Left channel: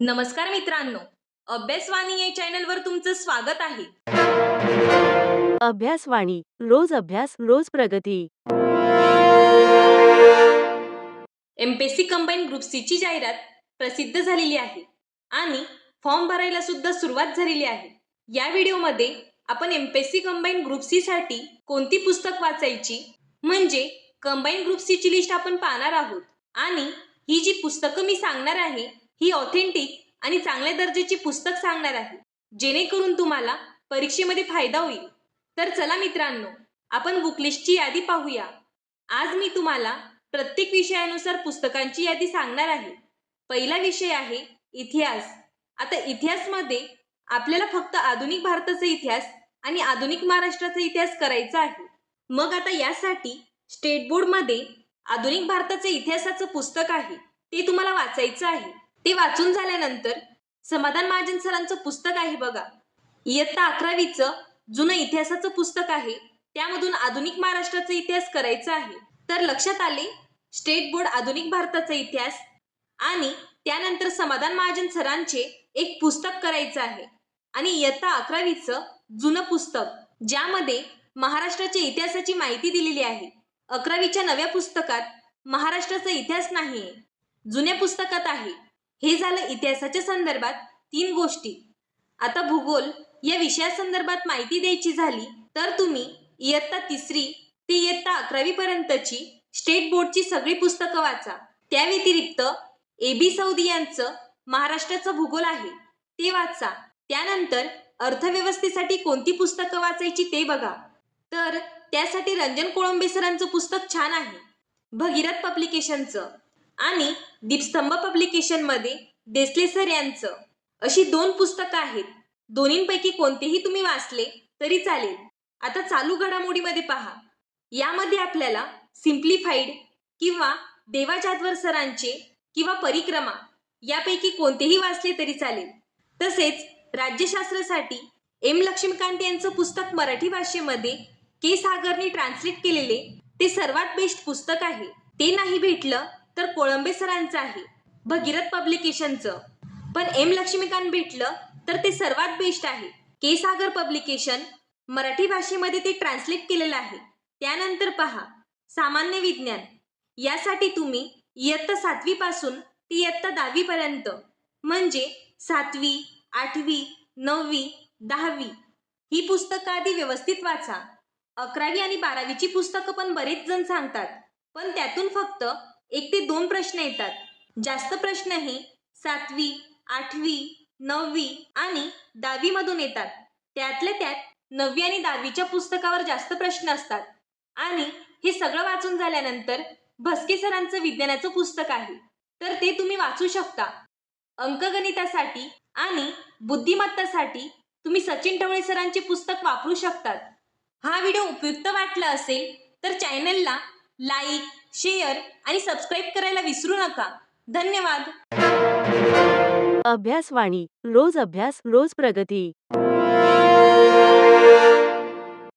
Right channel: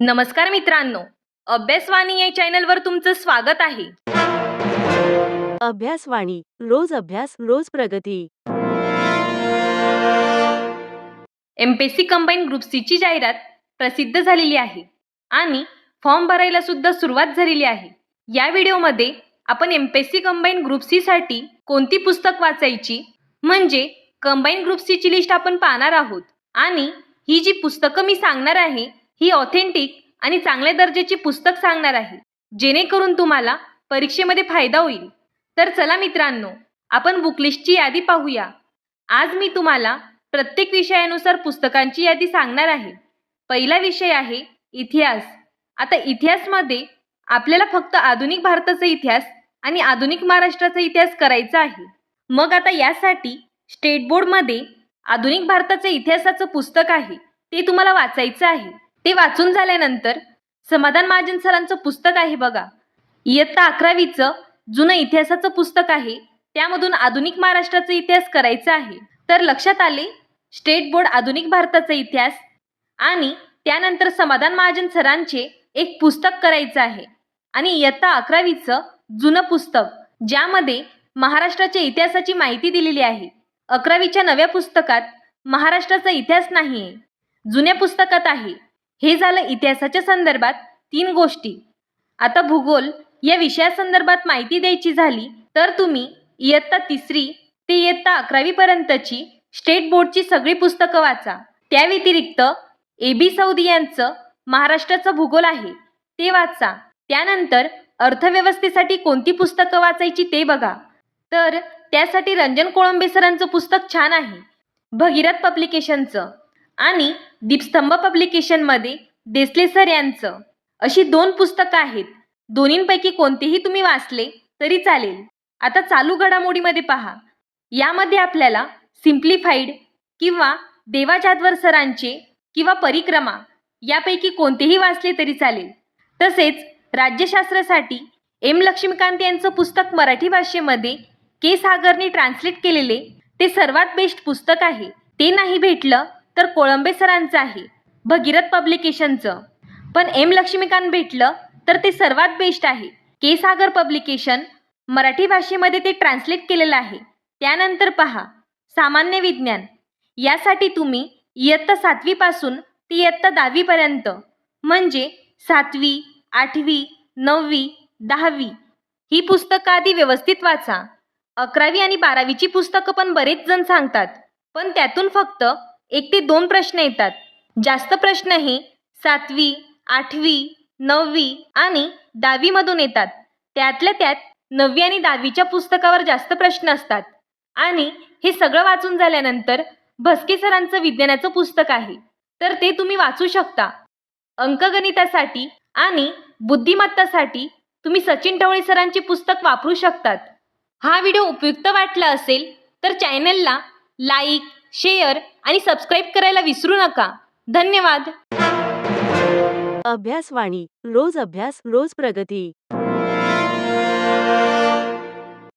नमस्कार मित्रांनो, अभ्यासवाणी या चॅनलवर तुमचं स्वागत आहे. अभ्यासवाणी रोज अभ्यास रोज प्रगती. एमपीएससी कंबाईन ग्रुप सी ची जाहिरात प्रसिद्ध झालेली आहे आणि फॉर्म भरायला सुद्धा सुरुवात झालेली आहे. या व्हिडिओमध्ये आपण एमपीएससी कंबाईन ग्रुप सी साठी कोणती पुस्तक वाचायची म्हणजे कंबाईन ग्रुप सी ची लिस्ट आपण पाहणार आहोत आणि ही जी पुस्तकं मी सांगणार आहे ही ऑथेंटिक आणि चांगल्या दर्जाची पुस्तक सांगणार आहे, जेणेकरून तुम्हाला परीक्षेमध्ये फायदा होईल. तर चला मित्रांनो, आपण बुक लिस्टची यादी पाहूया. आज मी तुम्हाला प्रत्येक विषयानुसार पुस्तकांची यादी सांगणार आहे. पहिला विषय आहे इतिहास. आता इतिहासमध्ये आपल्याला फक्त आधुनिक भारताचा इतिहास आणि आधुनिक महाराष्ट्राचा इतिहास करायचा आहे. मग आता यासाठी स्टेट बोर्डमध्ये आधुनिक भारताच्या इतिहासाचं पुस्तक आहे, ते तुम्हाला वाचायचं आहे. ते वाचून झाल्यानंतर समाधान महाजन सरांचं पुस्तक आहे बघा, इयत्ता 11वीचं जुनं इतिहासाचं पुस्तक आहे, त्यामधून आधुनिक महाराष्ट्राचा इतिहास करायचा आहे. तर लक्षात आले, स्टेट बोर्ड आधुनिक भारताचा इतिहास आणि त्यानंतर समाधान महाजन सरांचे एक पुस्तक करायचं आहे आणि इयत्ता 11वीचं जुनं पुस्तक ज्यामध्ये महाराष्ट्राच्या इतिहासाची माहिती दिलेली आहे. 11वीच्या नव्या पुस्तकात महाराष्ट्राचा इतिहास नाही, जुन्या पुस्तकात आहे. हे झालं इतिहासाच्या संदर्भात 3 गोष्टी. आता भूगोल या विषयासंदर्भात माहिती द्यायची झाली तर तुम्ही इयत्ता 3री ते इयत्ता 11वी पर्यंतची स्टेट बोर्डची सगळी पुस्तकं वाचा. त्या व्यतिरिक्त AB सौदी यांचं महाराष्ट्राचा भूगोल आहे, ते वाचा. त्यानंतर अर्थव्यवस्थेसाठी कोणती पुस्तकं वाचायची ते बघा. तर त्यासाठी रंजन कोळंबे सरांचं पुस्तक छान आहे, भगीरथ पब्लिकेशनचं, आणि दीपस्तंभ पब्लिकेशनमध्ये देसले सर यांचं. अशी 2 पुस्तकं आहेत. दोन्हींपैकी कोणतेही तुम्ही वाचले तरी चालेल. आता चालू घडामोडीमध्ये पहा. यामध्ये आपल्याला सिम्प्लिफाईड किंवा देवा जाधवर सरांचे किंवा परिक्रमा यापैकी कोणतेही वाचले तरी चालेल. तसेच राज्यशास्त्रासाठी एम लक्ष्मीकांत यांचं पुस्तक मराठी भाषेमध्ये के सागरने ट्रान्सलेट केलेले ते सर्वात बेस्ट पुस्तक आहे. ते नाही भेटलं तर कोळंबे सरांचं आहे, भगीरथ पब्लिकेशनचं. पण एम लक्ष्मीकांत भेटलं तर ते सर्वात बेस्ट आहे, के सागर पब्लिकेशन, मराठी भाषेमध्ये ते ट्रान्सलेट केलेलं आहे. त्यानंतर पहा सामान्य विज्ञान. यासाठी तुम्ही इयत्ता 7वी पासून ते इयत्ता 10वी पर्यंत म्हणजे 7वी, 8वी, 9वी, 10वी ही पुस्तकं आधी व्यवस्थित वाचा. 11वी आणि 12वीची पुस्तकं पण बरेच जण सांगतात, पण त्यातून फक्त 1 ते 2 प्रश्न येतात. जास्त प्रश्न हे 7वी, 8वी, 9वी आणि 10वी मधून येतात. त्यातल्या त्यात 9वी आणि 10वीच्या पुस्तकावर जास्त प्रश्न असतात. आणि हे सगळं वाचून झाल्यानंतर भस्के सरांचं विज्ञानाचं पुस्तक आहे, तर ते तुम्ही वाचू शकता. अंकगणितासाठी आणि बुद्धिमत्तासाठी तुम्ही सचिन ढवळे सरांचे पुस्तक वापरू शकतात. हा व्हिडिओ उपयुक्त वाटला असेल तर चॅनलला लाईक, शेअर आणि सबस्क्राईब करायला विसरू नका. धन्यवाद. अभ्यासवाणी रोज अभ्यास रोज प्रगती.